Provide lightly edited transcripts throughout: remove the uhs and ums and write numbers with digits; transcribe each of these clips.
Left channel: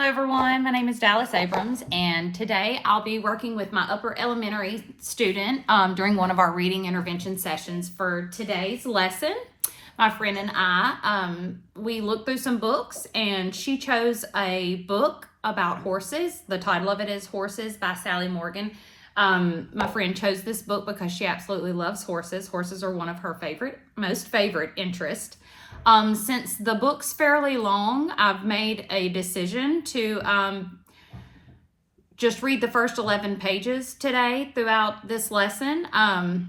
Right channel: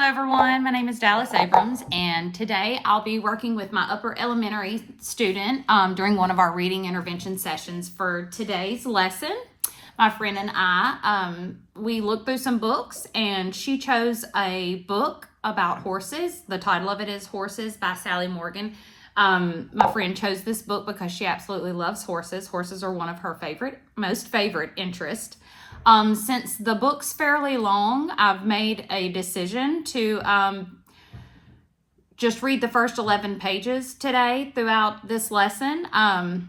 Hello everyone, my name is Dallas Abrams, and today I'll be working with my upper elementary student during one of our reading intervention sessions for today's lesson. My friend and I, we looked through some books, and she chose a book about horses. The title of it is Horses by Sally Morgan. My friend chose this book because she absolutely loves horses. Horses are one of her most favorite interests. Since the book's fairly long, I've made a decision to just read the first 11 pages today throughout this lesson. And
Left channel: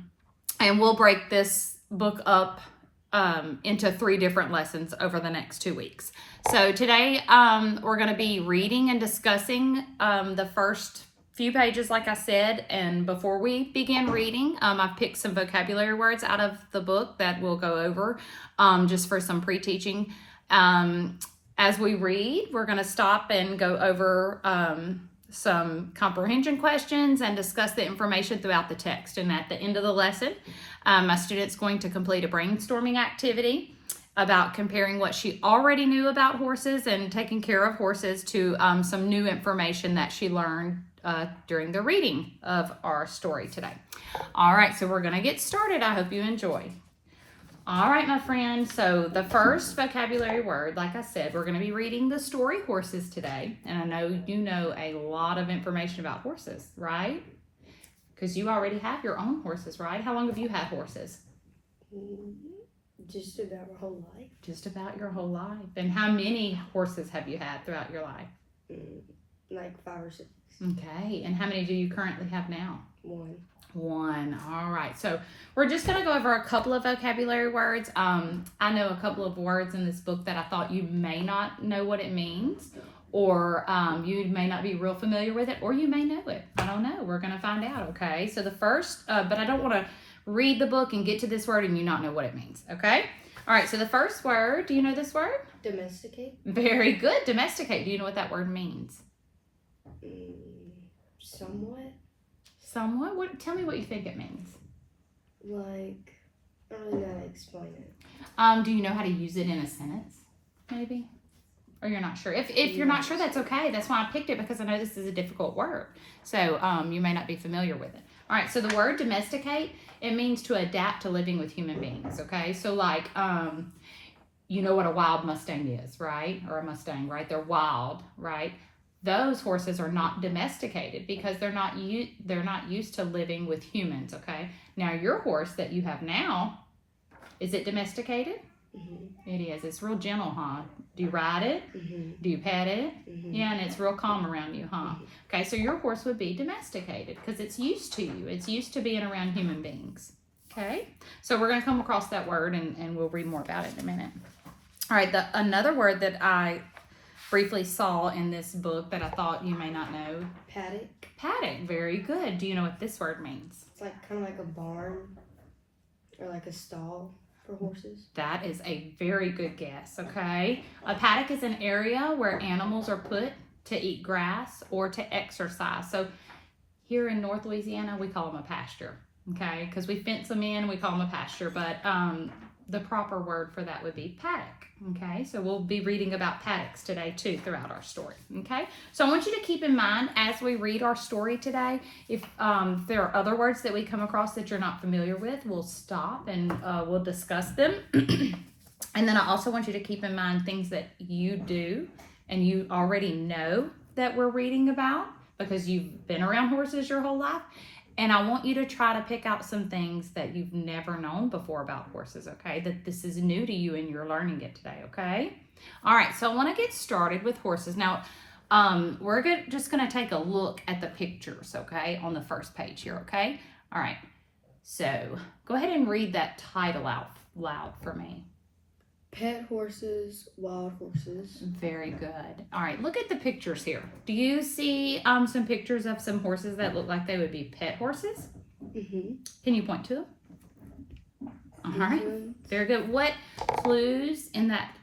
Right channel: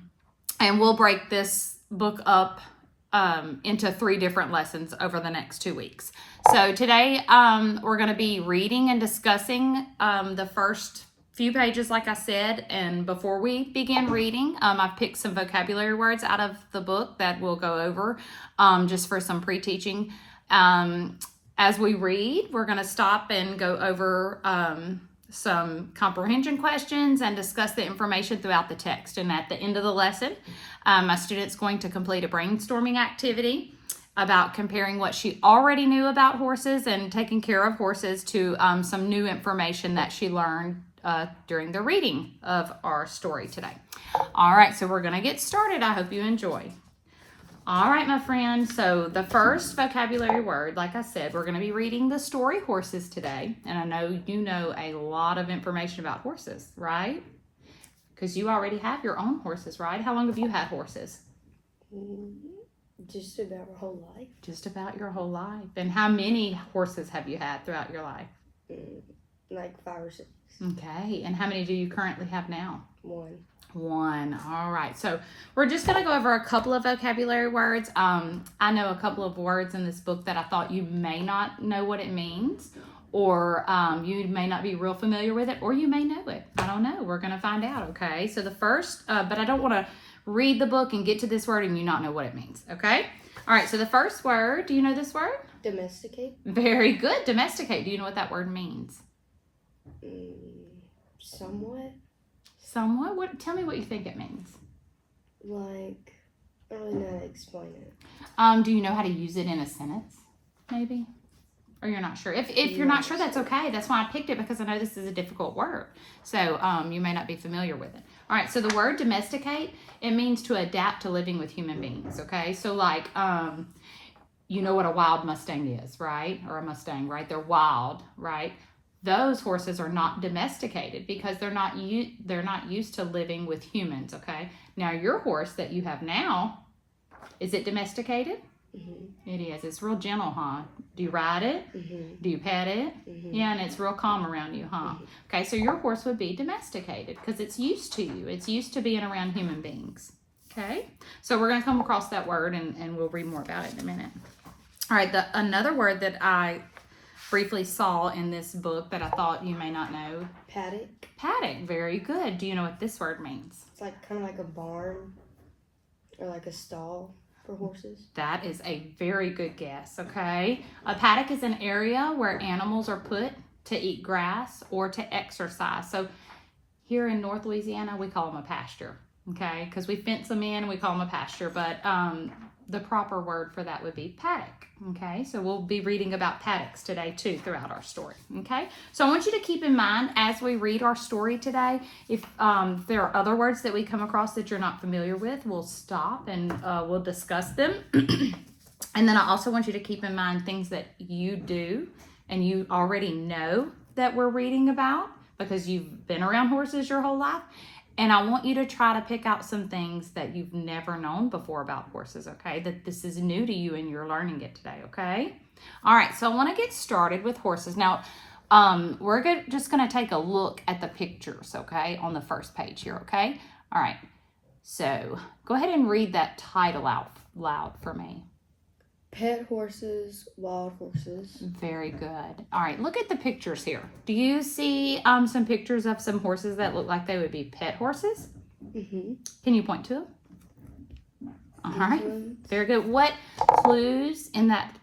we'll break this book up into 3 different lessons over the next 2 weeks. So today we're going to be reading and discussing the first few pages, like I said. And before we begin reading, I've picked some vocabulary words out of the book that we'll go over just for some pre-teaching. As we read, we're going to stop and go over some comprehension questions and discuss the information throughout the text. And at the end of the lesson, my student's going to complete a brainstorming activity about comparing what she already knew about horses and taking care of horses to some new information that she learned during the reading of our story today. All right, so we're going to get started. I hope you enjoy. All right, my friend. So the first vocabulary word, like I said, we're going to be reading the story Horses today. And I know you know a lot of information about horses, right? Because you already have your own horses, right? How long have you had horses? Just about my whole life. Just about your whole life. And how many horses have you had throughout your life? Like 5 or 6. Okay. And how many do you currently have now? 1. 1. All right. So we're just going to go over a couple of vocabulary words. I know a couple of words in this book that I thought you may not know what it means, or you may not be real familiar with it, or you may know it. I don't know. We're going to find out. Okay. So the first, but I don't want to read the book and get to this word and you not know what it means. Okay. All right. So the first word, do you know this word? Domesticate. Very good. Domesticate. Do you know what that word means? Somewhat. Somewhat? What? Tell me what you think it means. Like, I don't really know how to explain it. Do you know how to use it in a sentence? Maybe? Or you're not sure? If you're not sure, that's okay. That's why I picked it, because I know this is a difficult word. So you may not be familiar with it. All right, so the word domesticate, it means to adapt to living with human beings, okay? So like, you know what a wild Mustang is, right? Or a Mustang, right? They're wild, right? Those horses are not domesticated because they're not used to living with humans, okay? Now, your horse that you have now, is it domesticated? Mm-hmm. It is. It's real gentle, huh? Do you ride it? Mm-hmm. Do you pet it? Mm-hmm. Yeah, and it's real calm around you, huh? Mm-hmm. Okay, so your horse would be domesticated because it's used to you. It's used to being around human beings, okay? So we're going to come across that word, and we'll read more about it in a minute. All right, another word that I briefly saw in this book that I thought you may not know. Paddock. Paddock, very good. Do you know what this word means? It's like kind of like a barn or like a stall for horses. That is a very good guess, okay? A paddock is an area where animals are put to eat grass or to exercise. So here in North Louisiana, we call them a pasture, okay? Because we fence them in, we call them a pasture, but the proper word for that would be paddock. Okay, so we'll be reading about paddocks today too throughout our story. Okay, so I want you to keep in mind as we read our story today, if there are other words that we come across that you're not familiar with, we'll stop and we'll discuss them. And then I also want you to keep in mind things that you do and you already know that we're reading about because you've been around horses your whole life. And I want you to try to pick out some things that you've never known before about horses, okay? That this is new to you and you're learning it today, okay? All right, so I want to get started with horses. Now, we're just going to take a look at the pictures, okay, on the first page here, okay? All right, so go ahead and read that title out loud for me. Pet horses, wild horses. Very good. All right, look at the pictures here. Do you see some pictures of some horses that look like they would be pet horses? Mm-hmm. Can you point to them? All right, very good. What clues in that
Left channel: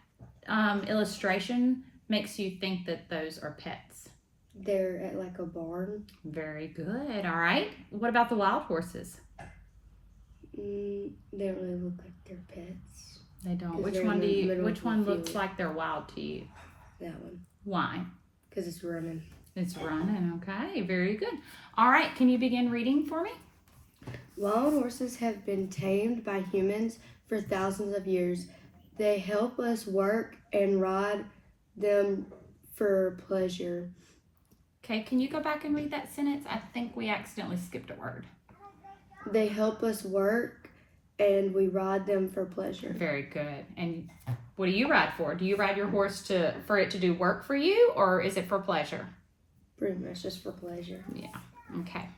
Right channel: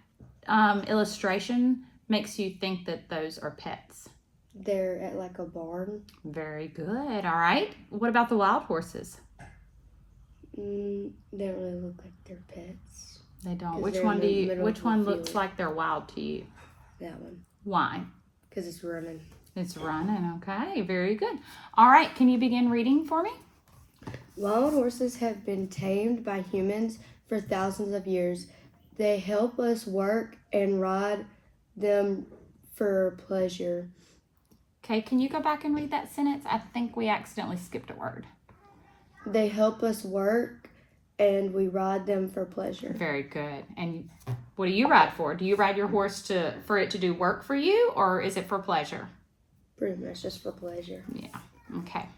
illustration makes you think that those are pets? They're at like a barn. Very good. All right. What about the wild horses? They don't really look like they're pets. They don't. Which one looks like they're wild to you? That one. Why? Because it's running. It's running. Okay, very good. All right, can you begin reading for me? Wild horses have been tamed by humans for thousands of years. They help us work and ride them for pleasure. Okay, can you go back and read that sentence? I think we accidentally skipped a word. They help us work and we ride them for pleasure. Very good. And what do you ride for? Do you ride your horse for it to do work for you, or is it for pleasure? Pretty much just for pleasure. Yeah. Okay.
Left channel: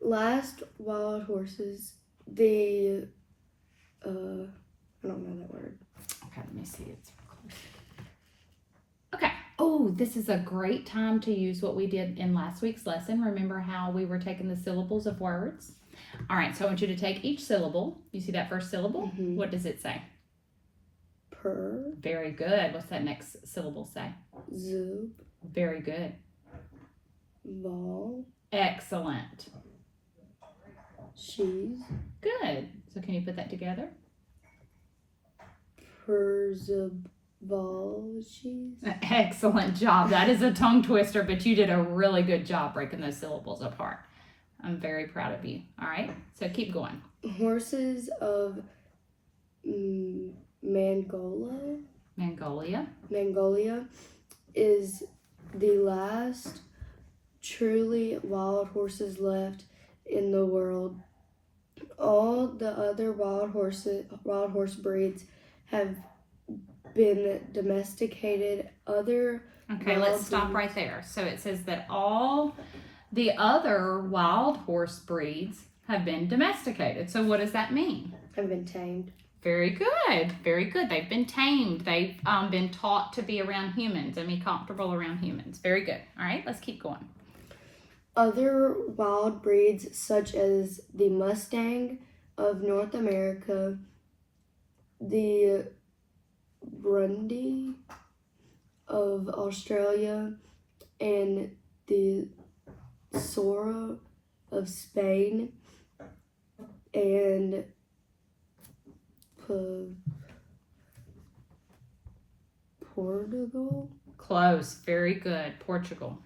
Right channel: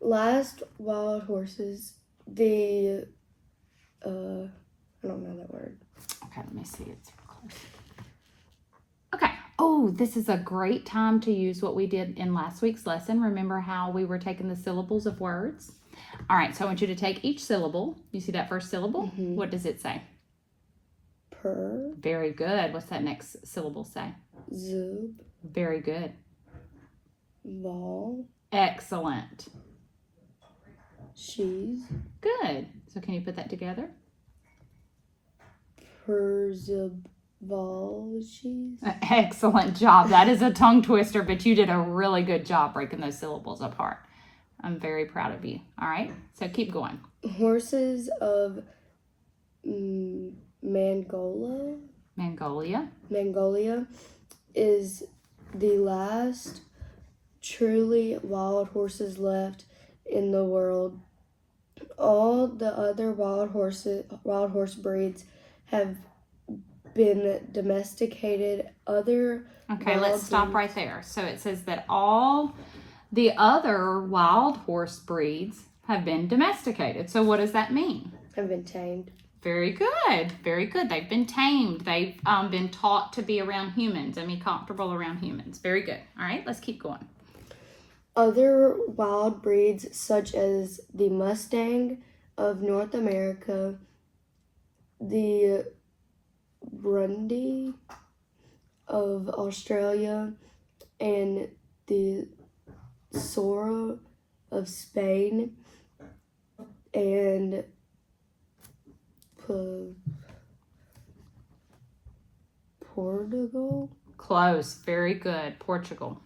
Last wild horses, I don't know that word. Okay, let me see. It's close. Okay. Oh, this is a great time to use what we did in last week's lesson. Remember how we were taking the syllables of words? All right, so I want you to take each syllable. You see that first syllable? Mhm. What does it say? Per, Very good. What's that next syllable say? zub, Very good. vol, Excellent. she's, Good. So can you put that together? per, zub, vol, she's. Excellent job. That is a tongue twister, but you did a really good job breaking those syllables apart. I'm very proud of you. All right, so keep going. Horses of Mongolia is the last truly wild horses left in the world. All the other wild horse breeds have been domesticated. Okay, let's stop right there. So it says that all the other wild horse breeds have been domesticated. So what does that mean? Have been tamed. Very good. Very good. They've been tamed. They've been taught to be around humans and be comfortable around humans. Very good. All right, let's keep going. Other wild breeds, such as the Mustang of North America, the Grundy of Australia, and the Sora of Spain, and Portugal Close. Very good. Portugal.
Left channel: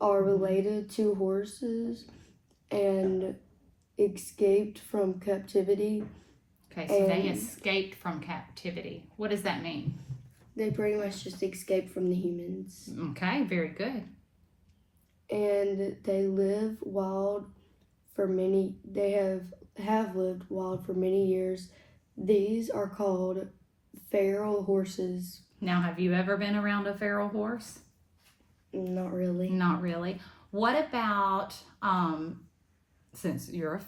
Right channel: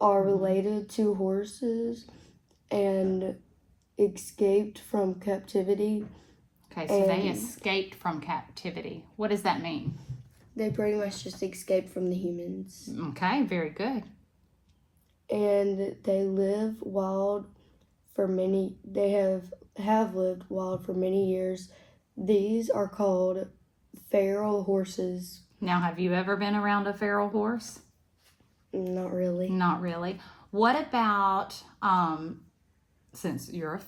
are related to horses and escaped from captivity. Okay, so they escaped from captivity. What does that mean? They pretty much just escaped from the humans. Okay, very good. And they live wild for many, they have lived wild for many years. These are called feral horses. Now, have you ever been around a feral horse? Not really. Not really. What about, since you're,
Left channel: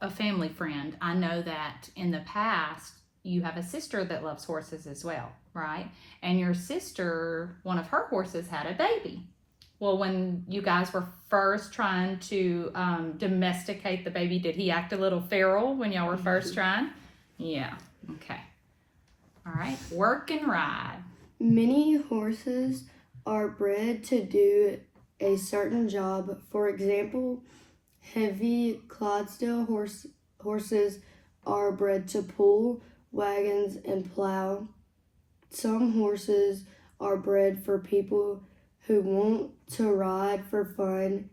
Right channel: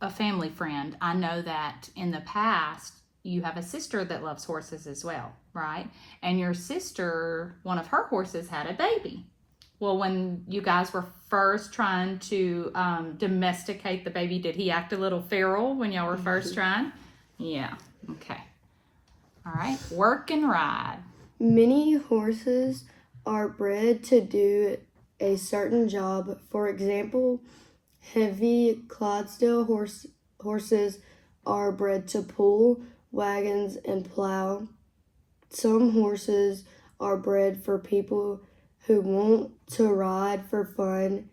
a family friend, I know that in the past you have a sister that loves horses as well, right? And your sister, one of her horses had a baby. Well, when you guys were first trying to domesticate the baby, did he act a little feral when y'all were first trying? Yeah. Okay. All right. Work and ride. Many horses are bred to do a certain job. For example, heavy Clydesdale horses are bred to pull wagons and plow. Some horses are bred for people who want to ride for fun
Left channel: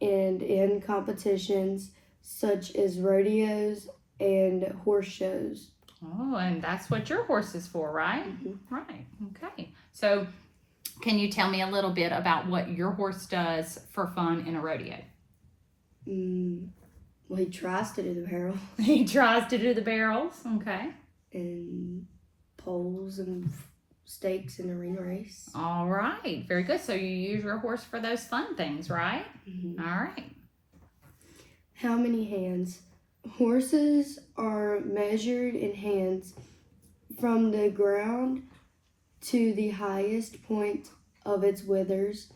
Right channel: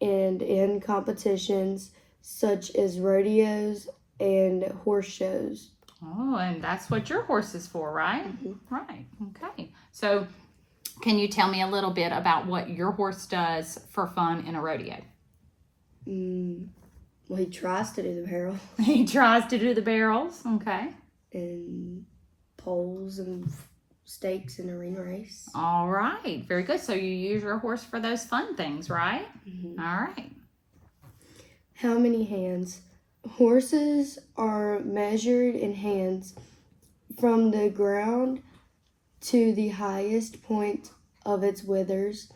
and in competitions such as rodeos and horse shows. Oh, and that's what your horse is for, right? Mm-hmm. Right. Okay. So, can you tell me a little bit about what your horse does for fun in a rodeo? Well, he tries to do the barrel. He tries to do the barrels. Okay. And poles and stakes in a ring race. All right. Very good. So, you use your horse for those fun things, right? Mm-hmm. All right. How many hands? Horses are measured in hands from the ground to the highest point of its withers,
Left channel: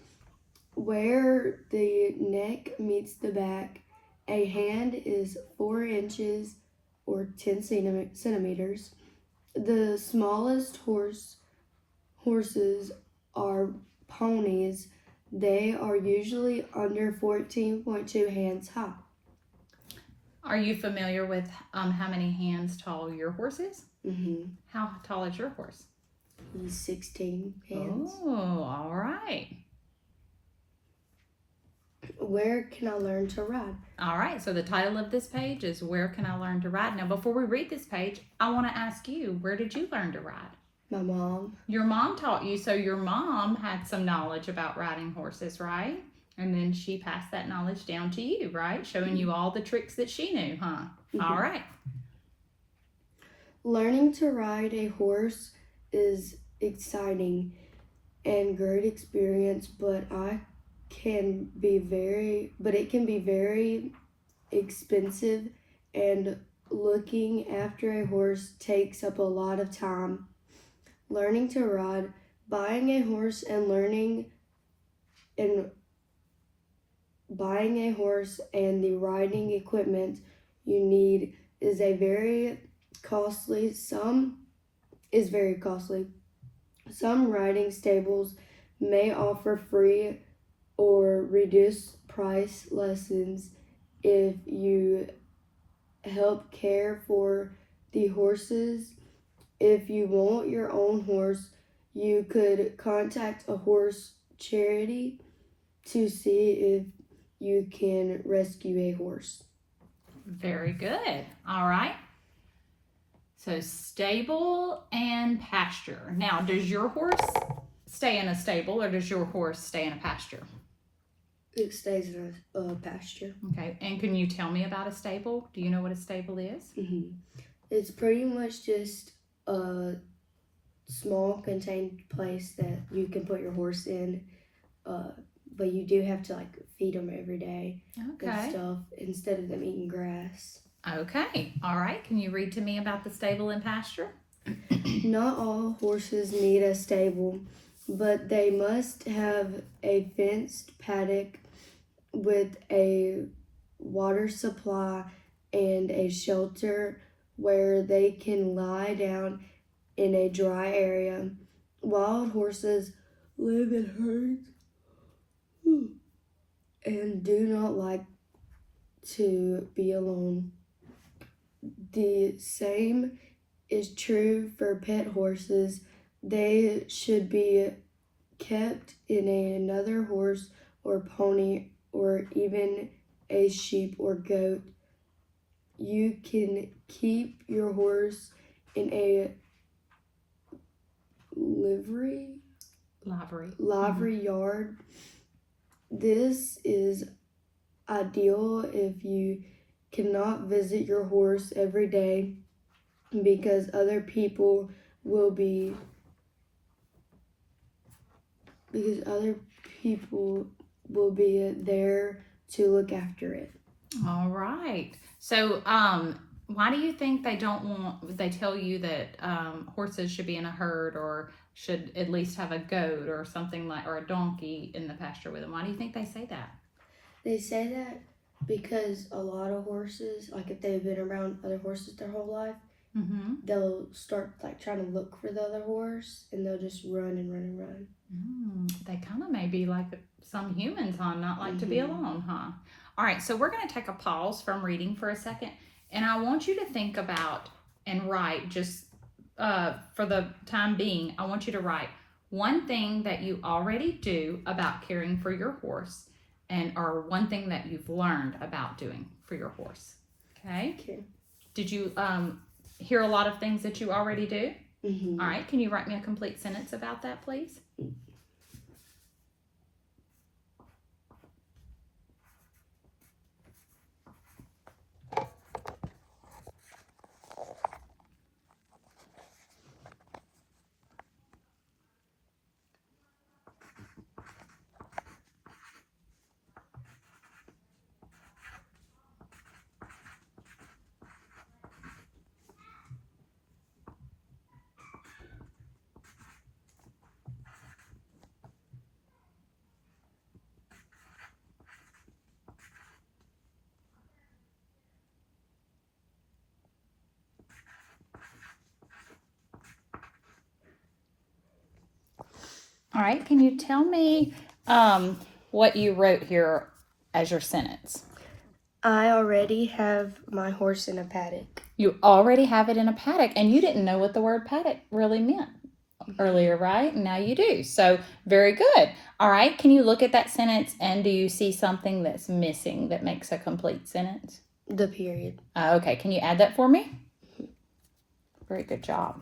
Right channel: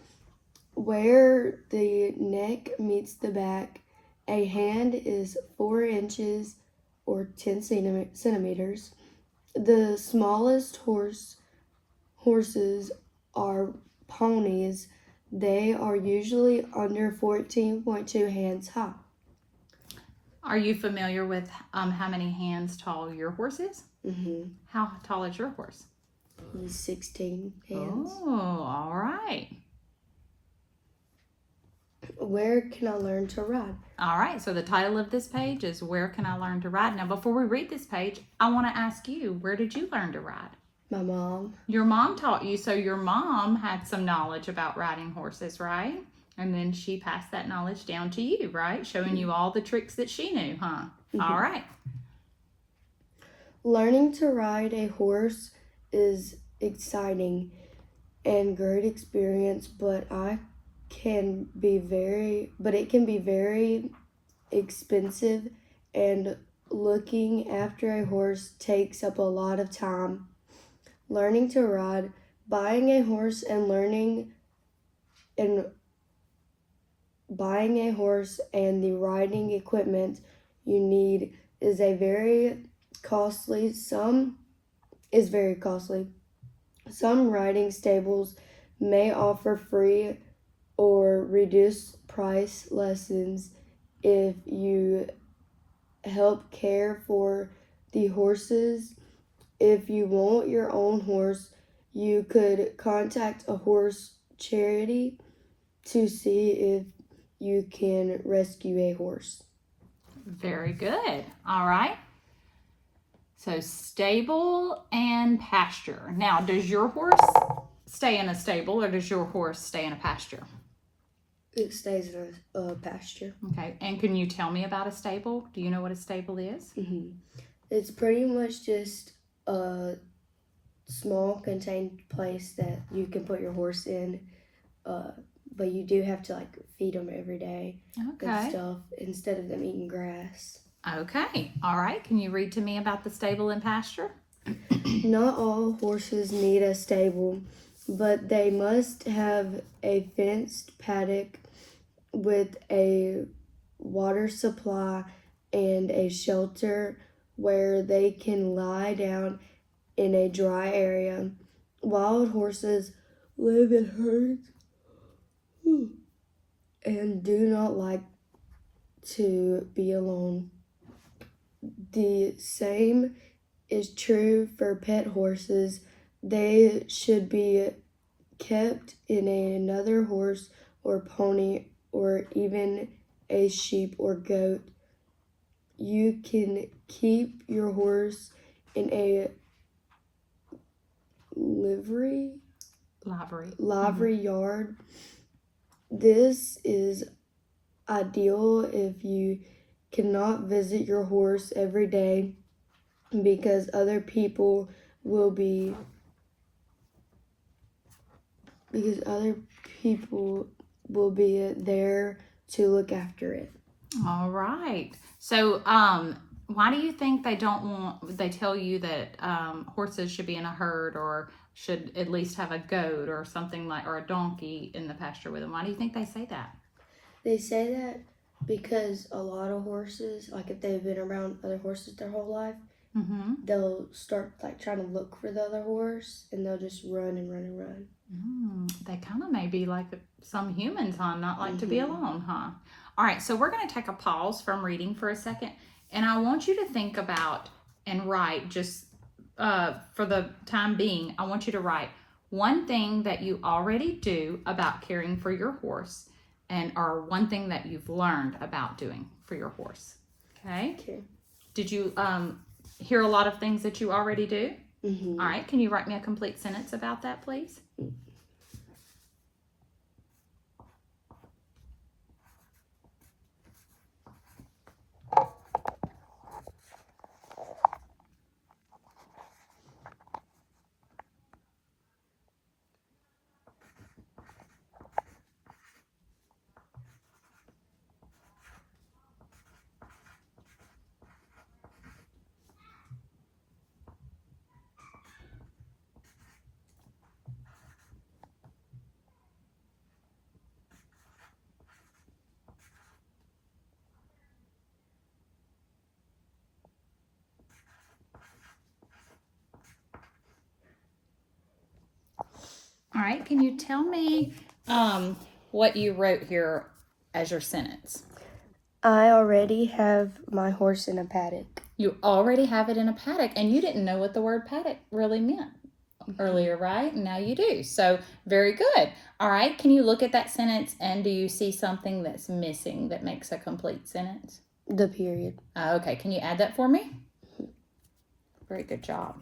where the neck meets the back. A hand is 4 inches or 10 centimeters. The smallest horses are ponies. They are usually under 14.2 hands high. Are you familiar with how many hands tall your horse is? Mm-hmm. How tall is your horse? He's 16 hands. Oh, all right. Where can I learn to ride? All right, so the title of this page is Where Can I Learn to Ride? Now, before we read this page, I want to ask you, where did you learn to ride? My mom. Your mom taught you, so your mom had some knowledge about riding horses, right? And then she passed that knowledge down to you, right? Showing you all the tricks that she knew, huh? All right. Learning to ride a horse is exciting and great experience, but it can be very expensive, and looking after a horse takes up a lot of time. Learning to ride, buying a horse and the riding equipment you need is very costly. Some riding stables may offer free or reduced price lessons if you help care for the horses. If you want your own horse, you could contact a horse charity to see if you can rescue a horse. Very good. All right. So stable and pasture. Now, does your horse stay in a stable or does your horse stay in a pasture? It stays in a pasture. Okay. And can you tell me about a stable? Do you know what a stable is? Mm-hmm. It's pretty much just a small contained place that you can put your horse in, but you do have to feed them every day and stuff instead of them eating grass. Okay. All right. Can you read to me about the stable and pasture? Not all horses need a stable, but they must have a fenced paddock with a water supply and a shelter where they can lie down in a dry area. Wild horses live in herds and do not like to be alone. The same is true for pet horses. They should be kept in another horse or pony or even a sheep or goat. You can keep your horse in a livery yard. This is ideal if you cannot visit your horse every day because other people will be there to look after it. All right. So, why do you think they tell you that horses should be in a herd or should at least have a goat or something or a donkey in the pasture with them? Why do you think they say that? They say that because a lot of horses, if they've been around other horses their whole life, they'll start trying to look for the other horse and they'll just run and run and run. They kind of may be like some humans, huh? Not like to be alone, huh? All right, so we're going to take a pause from reading for a second, and I want you to think about and write just for the time being, I want you to write one thing that you already do about caring for your horse or one thing that you've learned about doing for your horse. Okay. Did you hear a lot of things that you already do? All right, can you write me a complete sentence about that, please? All right, can you tell me what you wrote here as your sentence? I already have my horse in a paddock. You already have it in a paddock, and you didn't know what the word paddock really meant. earlier, right? Now you do. So very good. All right. Can you look at that sentence and do you see something that's missing that makes a complete sentence? The period. Okay. Can you add that for me? Very good job.